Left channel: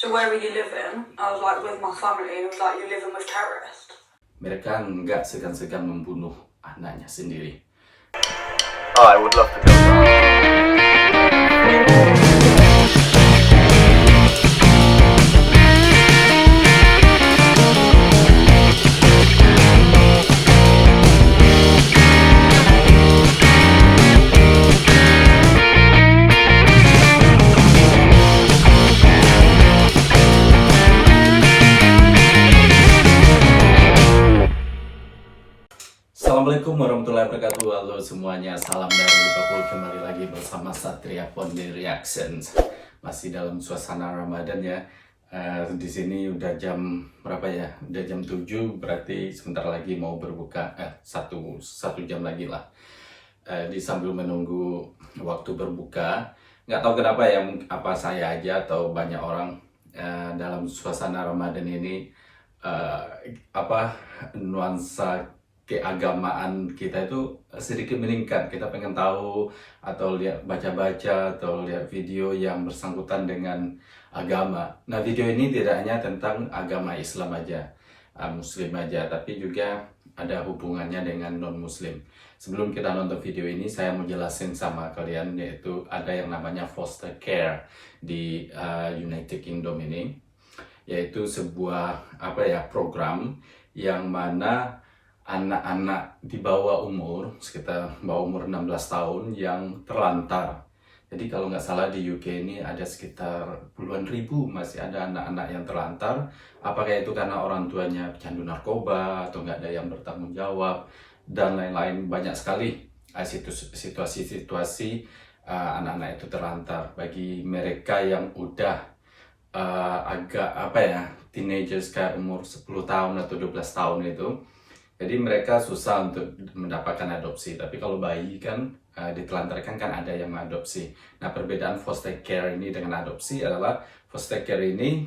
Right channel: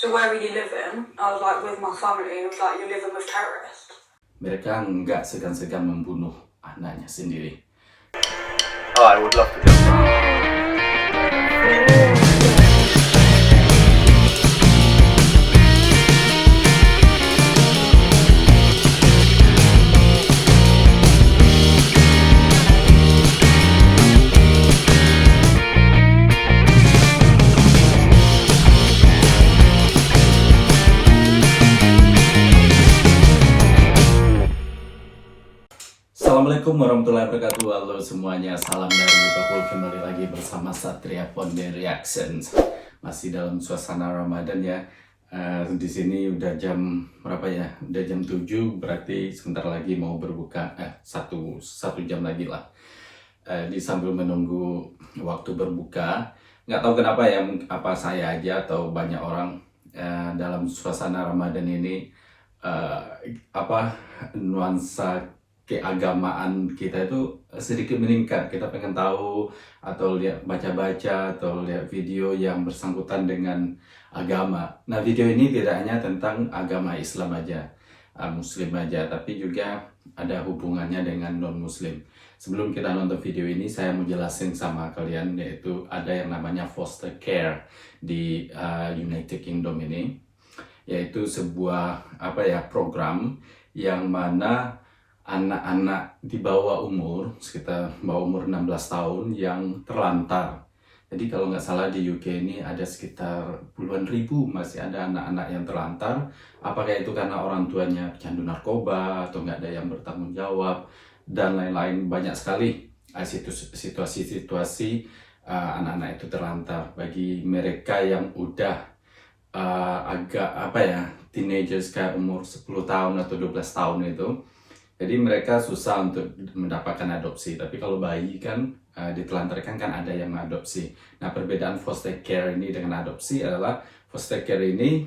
So where are you living? I was like, with my family. And it was like, you're living with terrorists. Mereka nggak segan-segan membunuh anaknya sendiri. Oh, I would love to go down. Assalamualaikum warahmatullahi wabarakatuh. Halo semuanya, salam dari Liverpool. Kembali lagi bersama Satria Ponde Reactions. Masih dalam suasana Ramadan ya. Di sini udah jam berapa ya? Udah jam 7, berarti sebentar lagi mau berbuka. Satu jam lagi lah. Sambil menunggu waktu berbuka. Nggak tahu kenapa ya, apa saya aja atau banyak orang dalam suasana Ramadan ini nuansa keagamaan kita itu sedikit meningkat. Kita pengen tahu atau lihat baca-baca atau lihat video yang bersangkutan dengan agama. Nah, video ini tidak hanya tentang agama Islam aja, Muslim aja, tapi juga ada hubungannya dengan non-Muslim. Sebelum kita nonton video ini, saya mau jelasin sama kalian, yaitu ada yang namanya foster care di United Kingdom ini, yaitu sebuah program yang mana anak-anak di bawah umur, sekitar bawah umur 16 tahun yang terlantar. Jadi kalau nggak salah di UK ini ada sekitar puluhan ribu masih ada anak-anak yang terlantar. Apakah itu karena orang tuanya pecandu narkoba atau nggak ada yang bertanggung jawab dan lain-lain. Banyak sekali situasi-situasi anak-anak itu terlantar. Bagi mereka yang udah teenagers kayak umur 10 tahun atau 12 tahun itu, jadi mereka susah untuk mendapatkan adopsi. Tapi kalau bayi kan ditelantarkan kan ada yang mengadopsi. Nah, perbedaan foster care ini dengan adopsi adalah foster care ini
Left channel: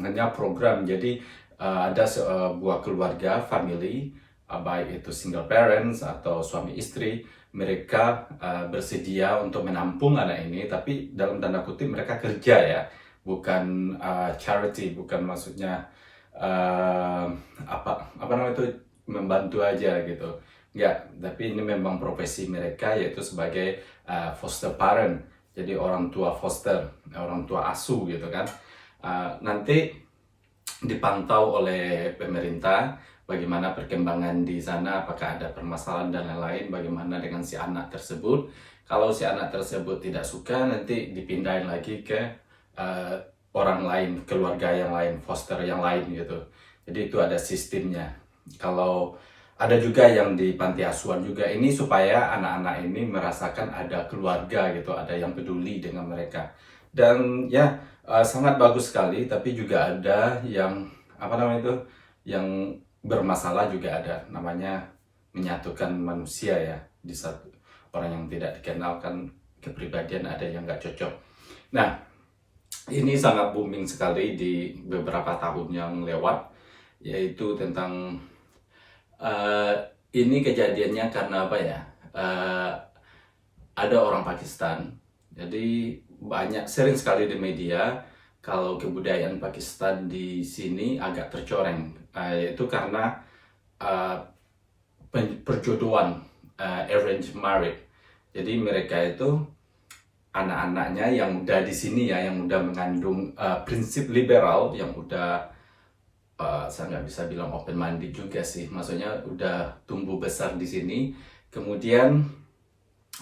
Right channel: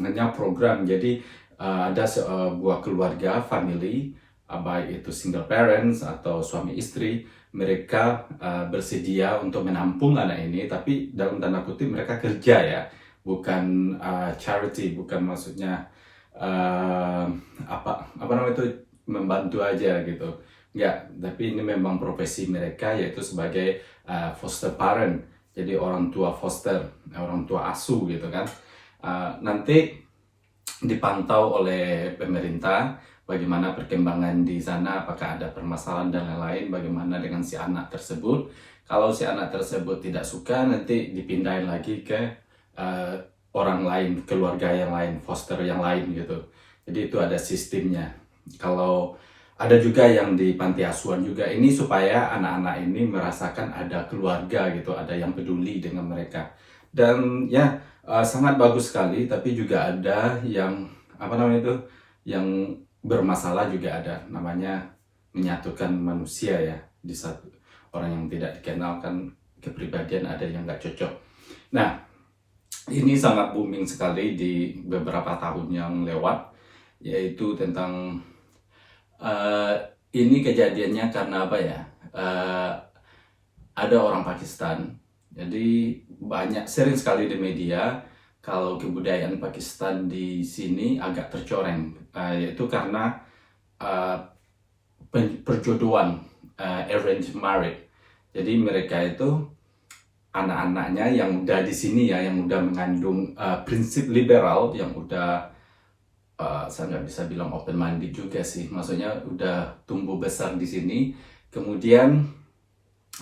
hanya program. Jadi ada sebuah keluarga, family, baik itu single parents atau suami istri, mereka bersedia untuk menampung anak ini. Tapi dalam tanda kutip mereka kerja ya, bukan charity, bukan maksudnya membantu aja gitu. Enggak, tapi ini memang profesi mereka, yaitu sebagai foster parent. Jadi orang tua foster, orang tua asuh gitu kan. Nanti dipantau oleh pemerintah bagaimana perkembangan di sana, apakah ada permasalahan dan lain-lain, bagaimana dengan si anak tersebut. Kalau si anak tersebut tidak suka, nanti dipindahin lagi ke orang lain, keluarga yang lain, foster yang lain gitu. Jadi itu ada sistemnya. Kalau ada juga yang di panti asuhan juga, ini supaya anak-anak ini merasakan ada keluarga gitu, ada yang peduli dengan mereka. Dan ya sangat bagus sekali. Tapi juga ada yang yang bermasalah juga ada, namanya menyatukan manusia ya, di satu orang yang tidak dikenalkan kepribadian, ada yang nggak cocok. Nah, ini sangat booming sekali di beberapa tahun yang lewat, yaitu tentang ini kejadiannya karena ada orang Pakistan. Jadi sering sekali di media kalau kebudayaan Pakistan di sini agak tercoreng, yaitu karena perjodohan, arranged marriage. Jadi mereka itu anak-anaknya yang udah di sini ya, yang udah mengandung prinsip liberal, yang udah saya nggak bisa bilang open minded juga sih, maksudnya udah tumbuh besar di sini. Kemudian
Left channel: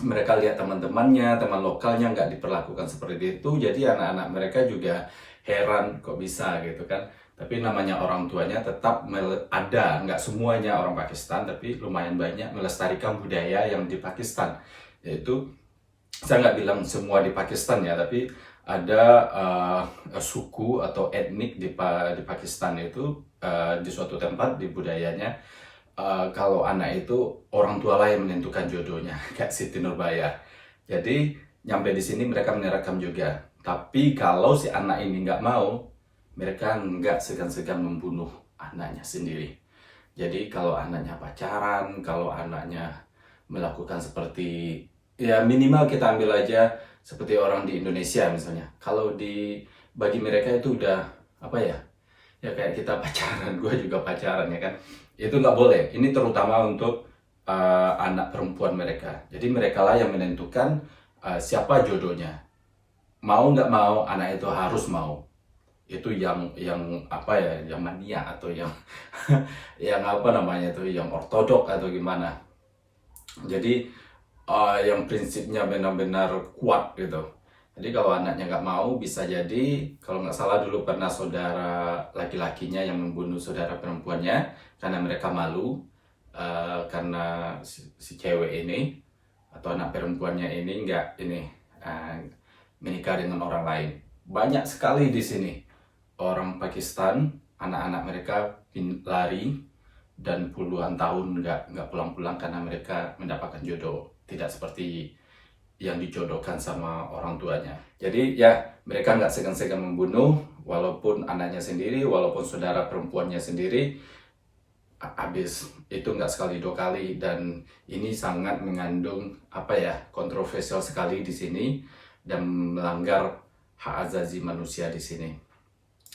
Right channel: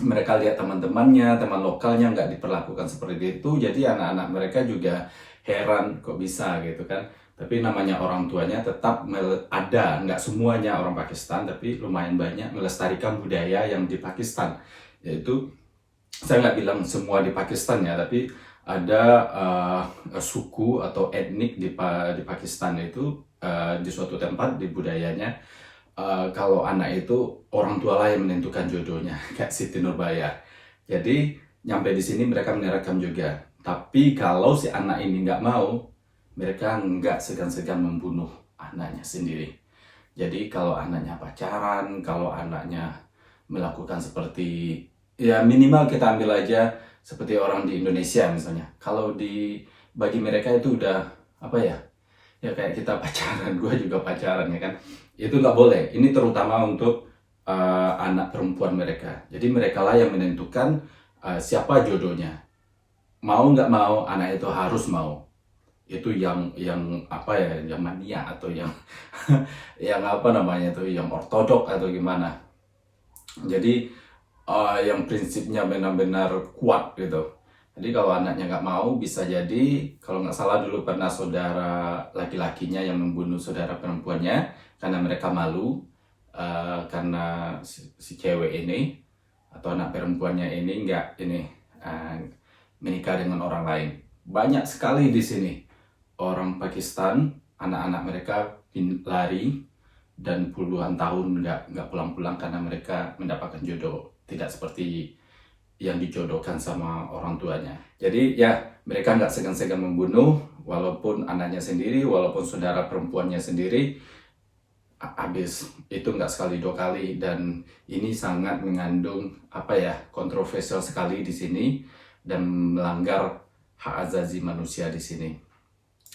mereka lihat teman-temannya, teman lokalnya nggak diperlakukan seperti itu, jadi anak-anak mereka juga heran kok bisa gitu kan. Tapi namanya orang tuanya tetap ada, nggak semuanya orang Pakistan, tapi lumayan banyak melestarikan budaya yang di Pakistan. Yaitu saya nggak bilang semua di Pakistan ya, tapi ada suku atau etnik di Pakistan itu di suatu tempat di budayanya, kalau anak itu orang tua lah yang menentukan jodohnya, kayak Siti Nurbaya. Jadi nyampe di sini mereka merekam juga. Tapi kalau si anak ini nggak mau, mereka nggak segan-segan membunuh anaknya sendiri. Jadi kalau anaknya pacaran, kalau anaknya melakukan seperti, ya minimal kita ambil aja seperti orang di Indonesia misalnya. Kalau di bagi mereka itu udah apa ya? Ya kayak kita pacaran, gue juga pacaran ya kan. Itu nggak boleh. Ini terutama untuk anak perempuan mereka. Jadi mereka lah yang menentukan siapa jodohnya. Mau nggak mau, anak itu harus mau. Itu yang apa ya, yang mania atau yang yang apa namanya itu, yang ortodok atau gimana. Jadi yang prinsipnya benar-benar kuat gitu. Jadi kalau anaknya nggak mau, bisa jadi kalau nggak salah dulu pernah saudara laki-lakinya yang membunuh saudara perempuannya karena mereka malu karena si cewek ini atau anak perempuannya ini nggak menikah dengan orang lain. Banyak sekali di sini orang Pakistan, anak-anak mereka lari dan puluhan tahun nggak pulang-pulang karena mereka mendapatkan jodoh tidak seperti yang dijodohkan sama orang tuanya. Jadi ya mereka nggak segan-segan membunuh walaupun anaknya sendiri, walaupun saudara perempuannya sendiri. Habis itu nggak sekali dua kali, dan ini sangat mengandung apa ya, kontroversial sekali di sini dan melanggar hak asasi manusia di sini.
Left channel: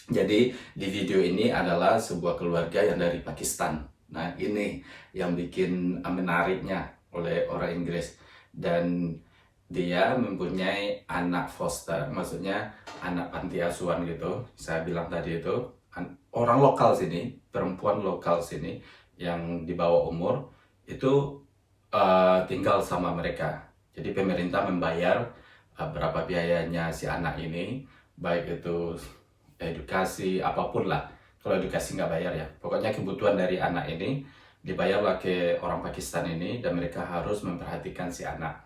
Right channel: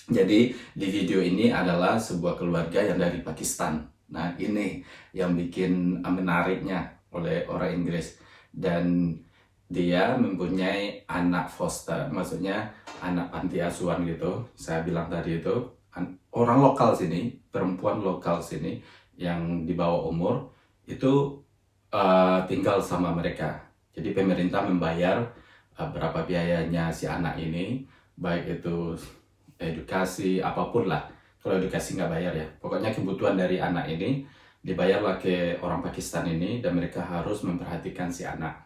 Jadi di video ini adalah sebuah keluarga yang dari Pakistan. Nah ini yang bikin menariknya oleh orang Inggris, dan dia mempunyai anak foster, maksudnya anak panti asuhan gitu. Saya bilang tadi itu orang lokal sini, perempuan lokal sini yang di bawah umur itu tinggal sama mereka. Jadi pemerintah membayar berapa biayanya si anak ini, baik itu edukasi apapun lah. Kalau edukasi nggak bayar ya, pokoknya kebutuhan dari anak ini dibayarlah ke orang Pakistan ini, dan mereka harus memperhatikan si anak.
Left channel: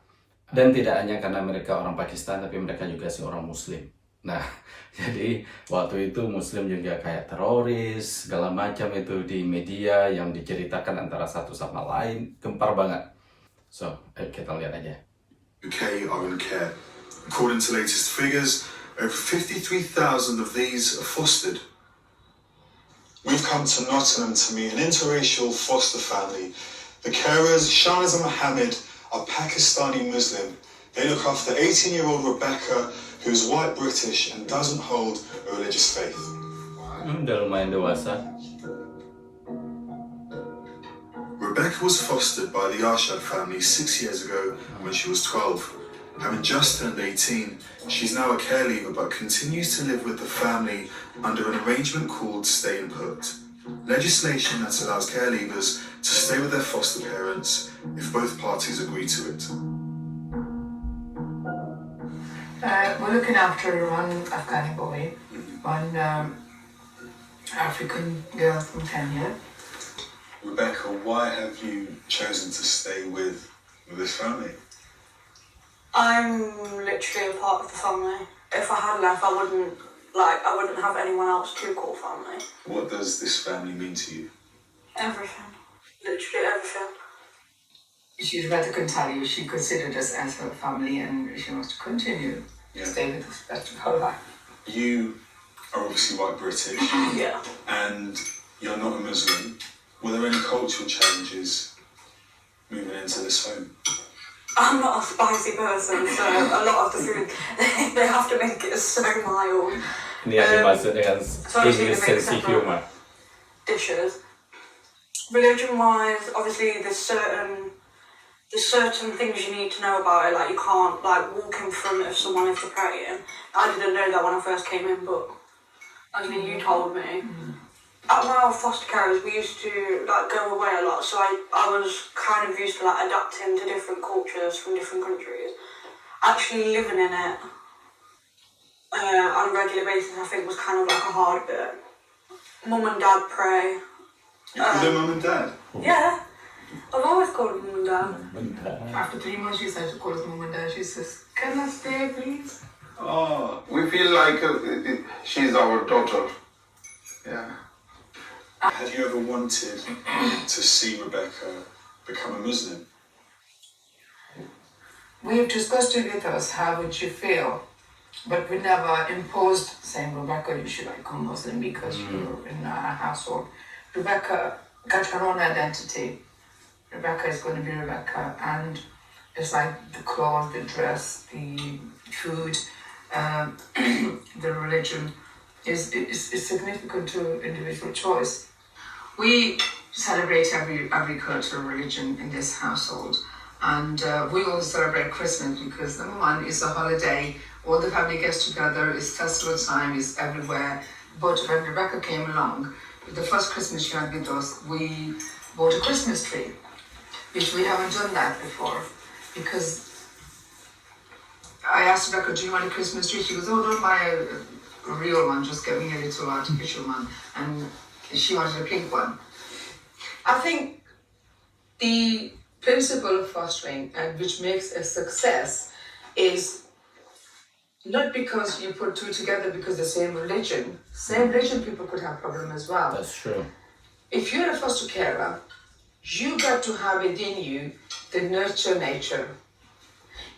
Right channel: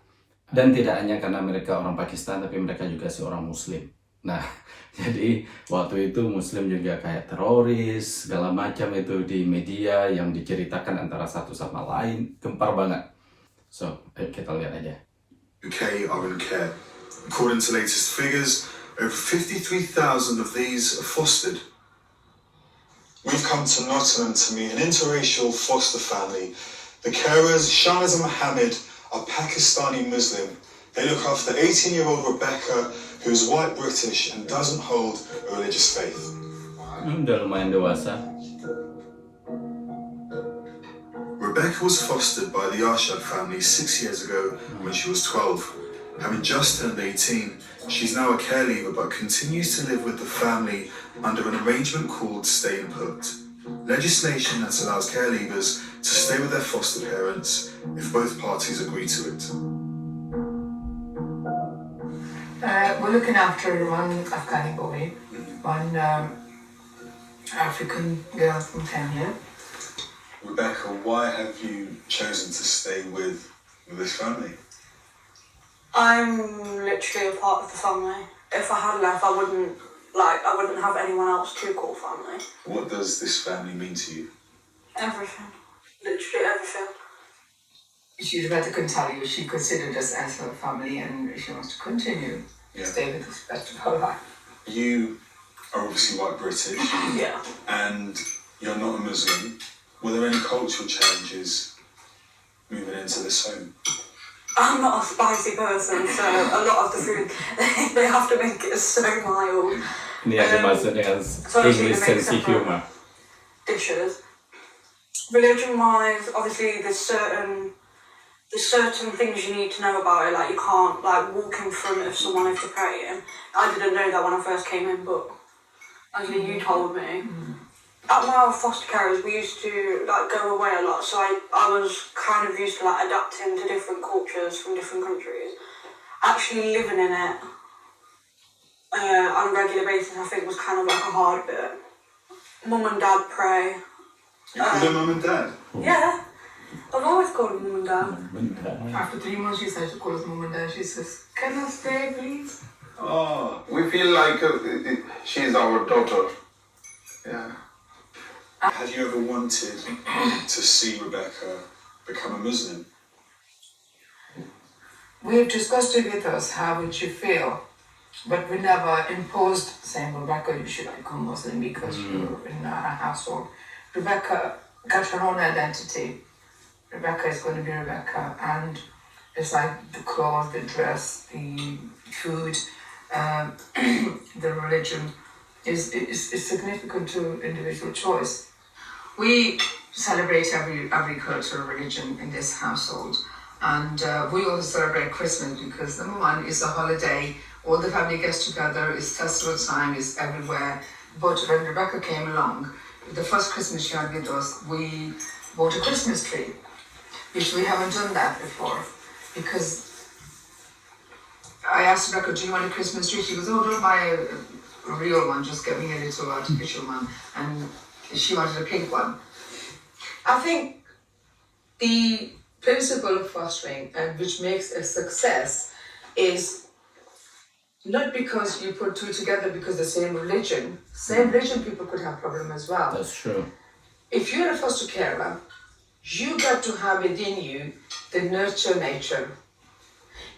Dan tidak hanya karena mereka orang Pakistan, tapi mereka juga seorang Muslim. Nah, jadi waktu itu Muslim juga kayak teroris, segala macam itu di media yang diceritakan antara satu sama lain, gempar banget. So, ayo kita lihat aja. UK are in care. According to latest figures, over 53,000 of these are fostered. We've come to Nottingham to meet an interracial foster family. The carers, Shahnaza Mohammed, are Pakistani Muslim. They look after 18-year-old Rebecca, who is white British and doesn't hold a religious faith. Udah lumayan dewasa. Rebecca was fostered by the Arshad family 6 years ago when she was 12. Having just turned 18, she's now a care leaver but continues to live with the family under an arrangement called Stay Put. Legislation that allows care leavers to stay with their foster parents if both parties agree to it. We're looking after one Afghani boy, one African girl from Kenya. Rebecca, why have you chosen to stay with this family? I'm literally a part of the family. If I had left, I wouldn't have anyone else to call family. What does this family mean to you? Everything. Literally everything. Rebecca can tell you she considered us as her family and she wants to continue to stay with us the rest of her life. You are obviously white British. Yeah. And you're not a Muslim. Were there any cultural changes moving into this home? I'm not a spicy person, so a lot of the food, they have to make it so mild. Ini yang dimaksud dengan English sense of humor. Dishes. Religion-wise, obviously there's certain things you need to know about it. Like you can't walk in front of someone if they're praying. I didn't know that when I first came in, but actually you told me. At my foster carers, we used to go away a lot, so I was kind of used to adapting to different cultures from different countries. Actually living in it on a regular basis, I think, was kind of a hard bit. Mum and Dad pray. You call them Mum and Dad? Yeah, I've always called them Mum and Dad. After 3 months, she said to call us Mum and Dad. She says, "Can I stay, please?" Oh, we feel like she's our daughter. Yeah. Have you ever wanted to see Rebecca become a Muslim? We've discussed it with us, how would you feel? But we never imposed saying, Rebecca, you should become Muslim because you're in our household. Rebecca got her own identity. Rebecca is going to be Rebecca, and it's like the clothes, the dress, the food, the religion is significant to individual choice. We celebrate every cultural religion in this household, and we also celebrate Christmas because number one, it's a holiday. All the family gets together. It's festival time. It's everywhere. But when Rebecca came along, the first Christmas she had with us, we bought a Christmas tree, which we haven't done that before, because I asked Rebecca, "Do you want a Christmas tree?" She goes, "Oh, don't buy a real one. Just get me a little artificial one." And she wanted a pink one. I think the principle of fostering, and which makes a success, is not because you put two together because the same religion people could have problem as well. That's true. If you're a foster carer, you got to have within you the nurture nature.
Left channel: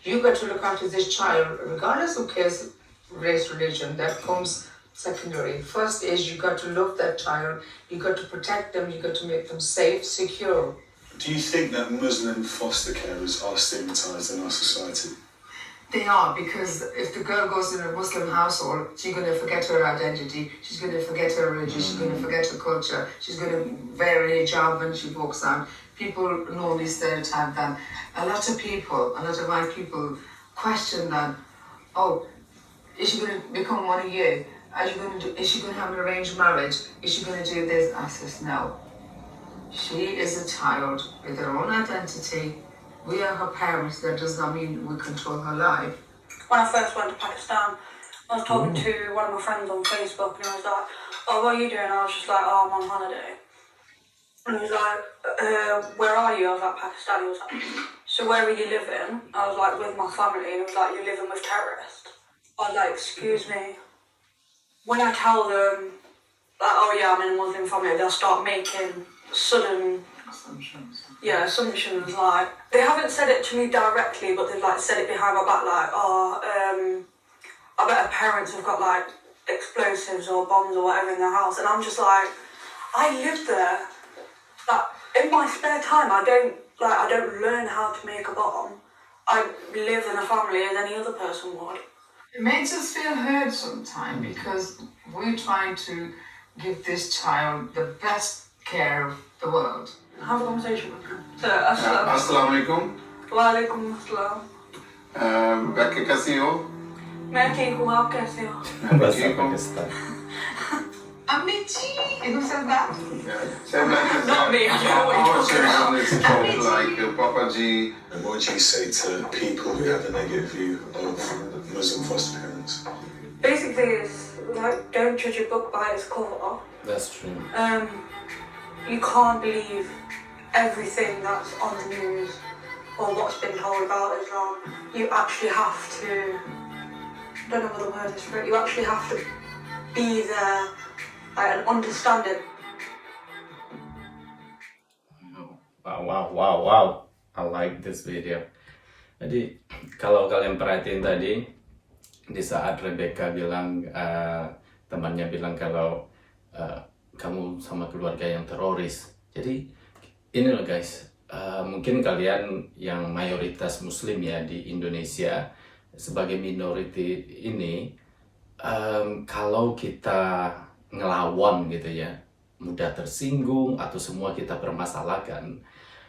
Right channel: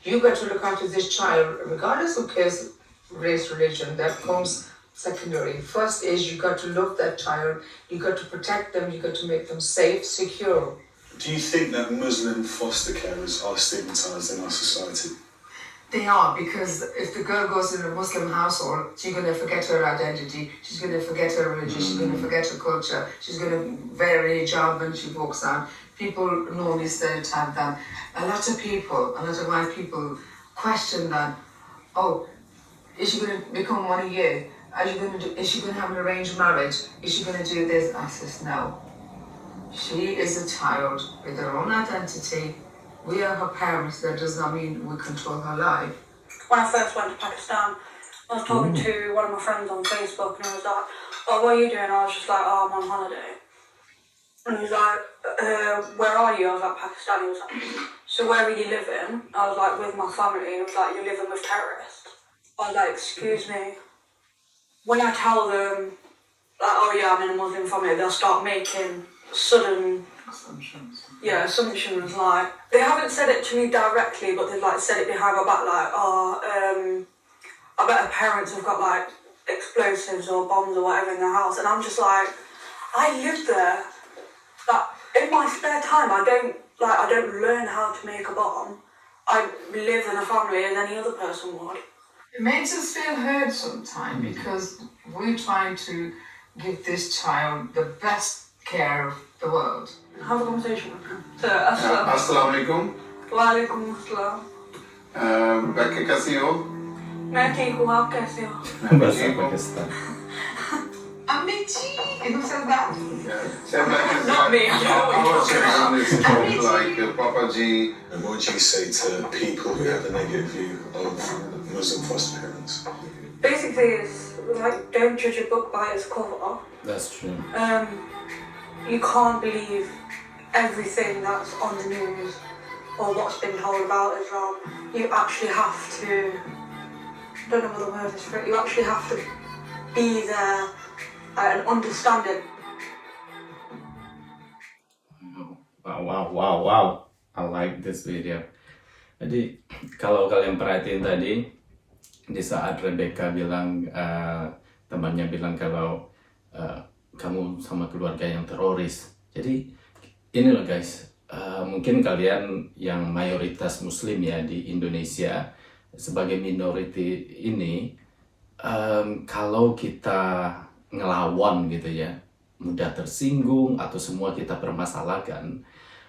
You got to look after this child, regardless of case, race, religion. That comes secondary. First is you got to love that child. You got to protect them. You got to make them safe, secure. Do you think that Muslim foster carers are stigmatised in our society? They are, because if the girl goes in a Muslim household, she's going to forget her identity, she's going to forget her religion, she's going to forget her culture, she's going to wear a hijab when she walks out. People normally stereotype that. A lot of white people question that. Oh, is she going to become one of you? Is she going to have an arranged marriage? Is she going to do this? I says no. She is a child with her own identity. We are her parents. That does not mean we control her life. When I first went to Pakistan, I was talking to one of my friends on Facebook, and he was like, "Oh, what are you doing?" I was just like, "Oh, I'm on holiday." And he was like, "Where are you?" I was like, "Pakistan." He was like, "So where are you living?" I was like, "With my family." And he was like, "You're living with terrorists?" I was like, "Excuse me." When I tell them, like, "Oh yeah, I'm in a Muslim family," they'll start making sudden assumptions. Like, they haven't said it to me directly, but they've like said it behind my back, like, I bet her parents have got like explosives or bombs or whatever in their house. And I'm just like, I live there. Like, in my spare time, I don't learn how to make a bomb. I live in a family as any other person would. It makes us feel hurt sometimes because we're trying to give this child the best care of the world. Have a conversation with him. So, Assalamu alaikum. wa alaikum assalam. Rebecca, कैसी हो? मैं ठीक हूँ, आप कैसे हो? Bahasa Pakistan. Amici! Who said that? Not me, I don't know what you're talking about. Like Papa G. And what do you say to people who have a negative view of Muslim foster parents? Basically, it's like, don't judge a book by its cover. That's true. You can't believe everything that's on the news or what's been told about Islam. You actually have to, I don't know what the word is for it, you actually have to be there and understand it. Wow. I like this video. Jadi, kalau kalian perhatiin tadi, di saat Rebecca bilang, temannya bilang kalau kamu sama keluarga yang teroris. Jadi ini loh guys, mungkin kalian yang mayoritas muslim ya di Indonesia, sebagai minority ini, kalau kita ngelawan gitu ya, mudah tersinggung atau semua kita permasalahkan,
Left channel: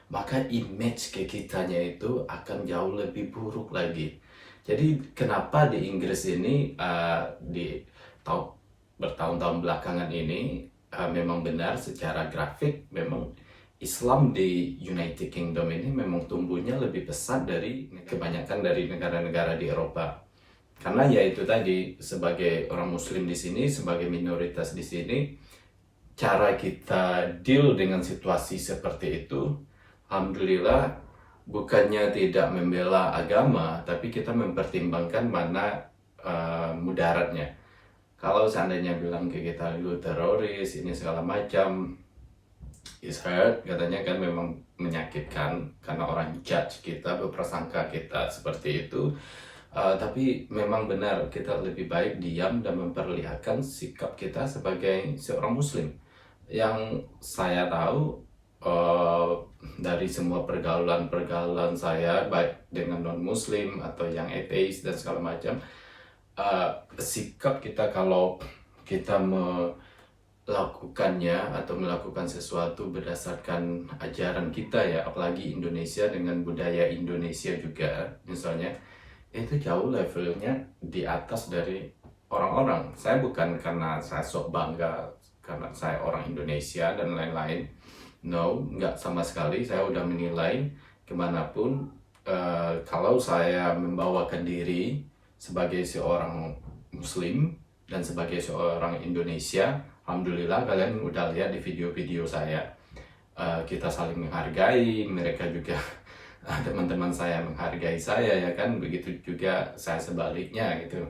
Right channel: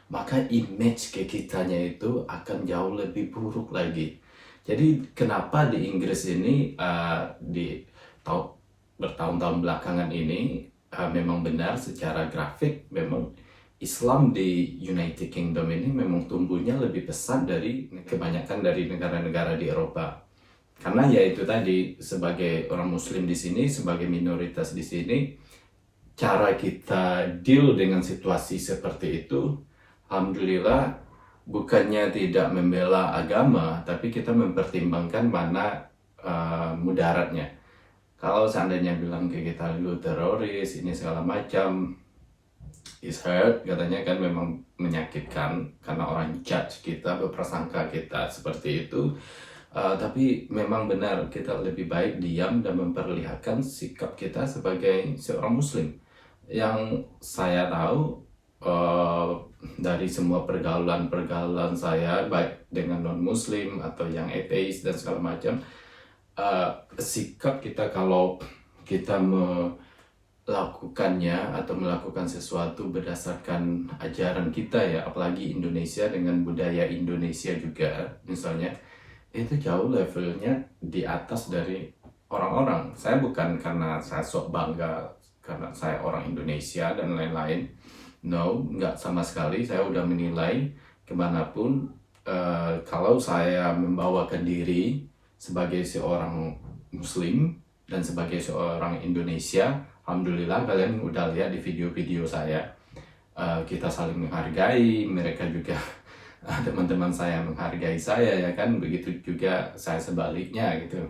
maka image ke kitanya itu akan jauh lebih buruk lagi. Jadi kenapa di Inggris ini bertahun-tahun belakangan ini memang benar secara grafik, memang Islam di United Kingdom ini memang tumbuhnya lebih pesat dari kebanyakan dari negara-negara di Eropa. Karena ya itu tadi, sebagai orang muslim di sini, sebagai minoritas di sini, cara kita deal dengan situasi seperti itu, alhamdulillah, bukannya tidak membela agama, tapi kita mempertimbangkan mana mudaratnya. Kalau seandainya bilang ke kita, lu teroris, ini segala macam, is hurt, katanya kan memang menyakitkan karena orang judge kita, berprasangka kita seperti itu. Tapi memang benar, kita lebih baik diam dan memperlihatkan sikap kita sebagai seorang muslim. Yang saya tahu dari semua pergaulan saya, baik dengan non-muslim atau yang ateis dan segala macam, sikap kita kalau kita melakukannya atau melakukan sesuatu berdasarkan ajaran kita ya, apalagi Indonesia dengan budaya Indonesia juga misalnya, itu jauh levelnya di atas dari orang-orang. Saya bukan karena saya sok bangga karena saya orang Indonesia dan lain-lain, no, nggak sama sekali. Saya udah menilai kemanapun kalau saya membawakan diri sebagai seorang Muslim dan sebagai seorang Indonesia, alhamdulillah kalian udah lihat di video-video saya, kita saling menghargai, mereka juga teman-teman saya menghargai saya ya kan, begitu juga saya sebaliknya gitu.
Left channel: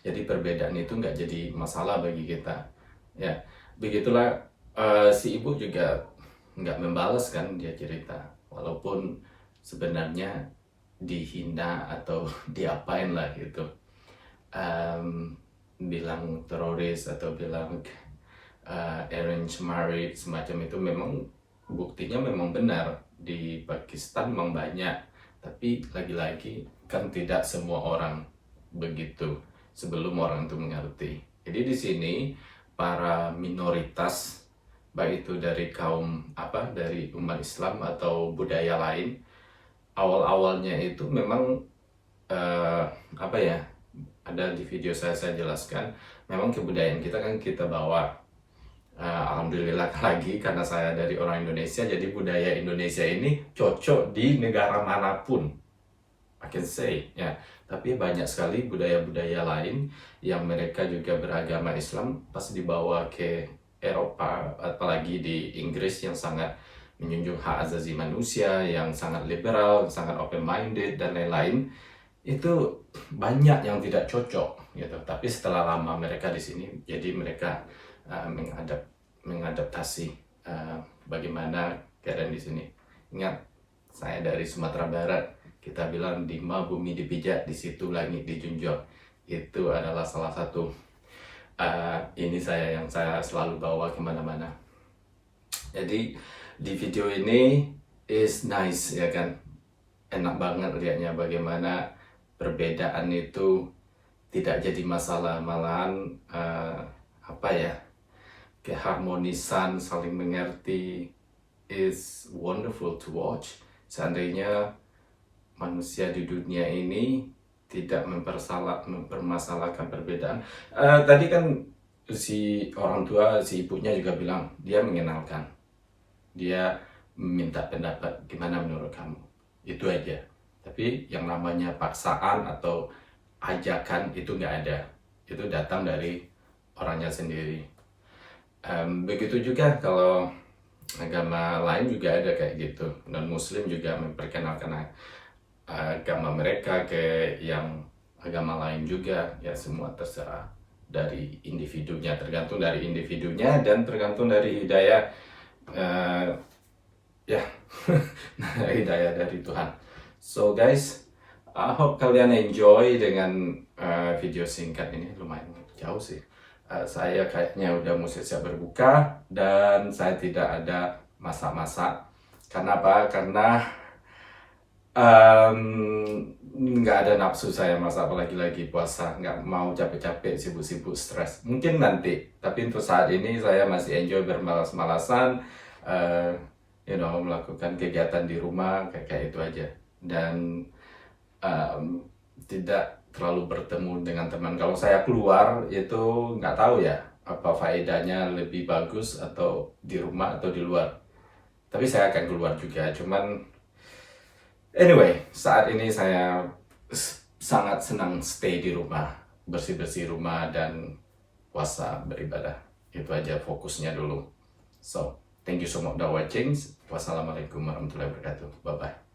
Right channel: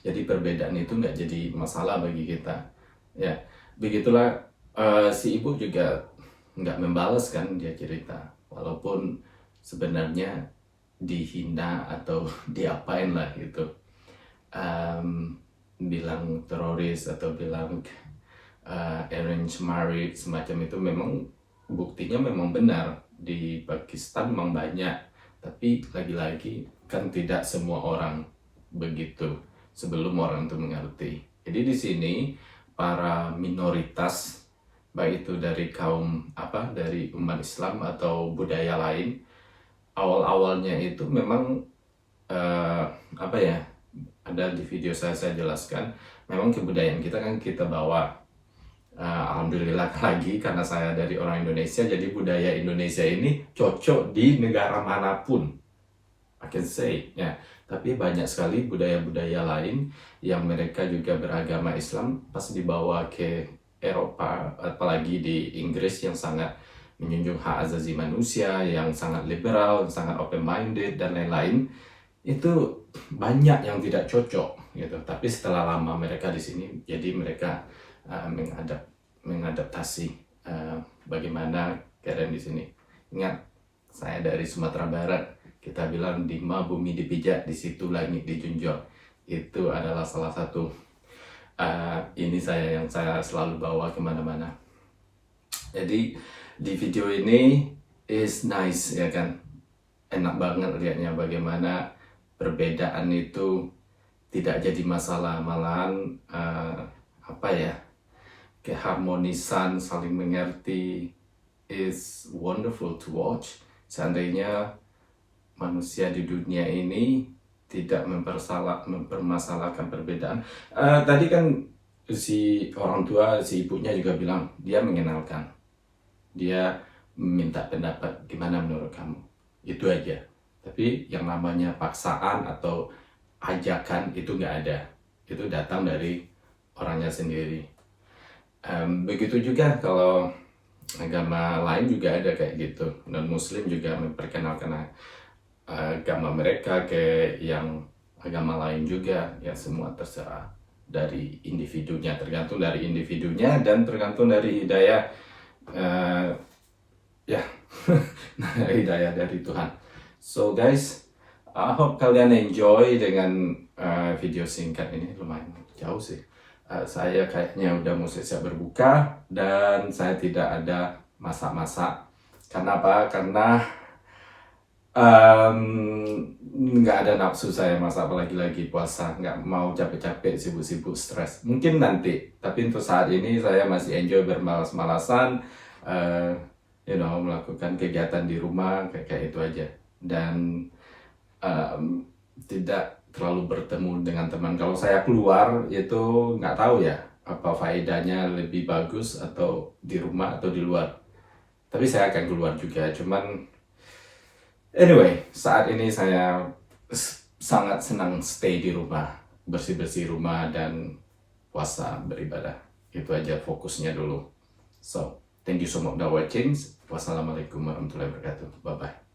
Jadi perbedaan itu nggak jadi masalah bagi kita ya. Begitulah si ibu juga nggak membalas kan, dia cerita walaupun sebenarnya dihina atau diapain lah gitu, bilang teroris atau bilang arranged marriage semacam itu, memang buktinya memang benar di Pakistan memang banyak, tapi lagi-lagi kan tidak semua orang begitu sebelum orang itu mengerti. Jadi di sini para minoritas, baik itu dari kaum dari umat Islam atau budaya lain, awal-awalnya itu memang ada di video saya jelaskan, memang kebudayaan kita kan kita bawa. Alhamdulillah lagi karena saya dari orang Indonesia, jadi budaya Indonesia ini cocok di negara manapun, I can say ya. Tapi banyak sekali budaya-budaya lain yang mereka juga beragama Islam pas dibawa ke Eropa, apalagi di Inggris yang sangat menjunjung hak asasi manusia, yang sangat liberal, sangat open-minded dan lain-lain, itu banyak yang tidak cocok gitu. Tapi setelah lama mereka di sini, jadi mereka mengadaptasi bagaimana keadaan di sini. Ingat, saya dari Sumatera Barat, kita bilang di mana bumi dipijak, di situ langit dijunjung. Itu adalah salah satu ini yang saya selalu bawa kemana-mana. Jadi di video ini is nice ya kan, enak banget lihatnya bagaimana perbedaan itu tidak jadi masalah, malahan keharmonisan, saling mengerti is wonderful to watch. Seandainya manusia di dunia ini tidak mempermasalahkan perbedaan. Tadi kan si orang tua, si ibunya juga bilang dia mengenalkan, dia minta pendapat gimana menurut kamu, itu aja. Tapi yang namanya paksaan atau ajakan itu nggak ada, itu datang dari orangnya sendiri. Begitu juga kalau agama lain juga ada kayak gitu, dan Muslim juga memperkenalkan agama mereka ke yang agama lain juga, ya semua terserah dari individunya, tergantung dari individunya dan tergantung dari hidayah hidayah dari Tuhan. So guys, I hope kalian enjoy dengan video singkat ini, lumayan jauh sih. Saya kayaknya udah mau siap berbuka dan saya tidak ada masak-masak. Karena apa? Karena nggak ada nafsu saya masak, apalagi puasa, nggak mau capek-capek, sibuk-sibuk, stres. Mungkin nanti, tapi untuk saat ini saya masih enjoy bermalas-malasan, melakukan kegiatan di rumah kayak itu aja, dan tidak terlalu bertemu dengan teman. Kalau saya keluar itu nggak tahu ya apa faedahnya, lebih bagus atau di rumah atau di luar. Tapi saya akan keluar juga, cuman anyway, saat ini saya sangat senang stay di rumah, bersih-bersih rumah dan puasa, beribadah. Itu aja fokusnya dulu. So, thank you so much for watching. Wassalamualaikum warahmatullahi wabarakatuh. Bye-bye.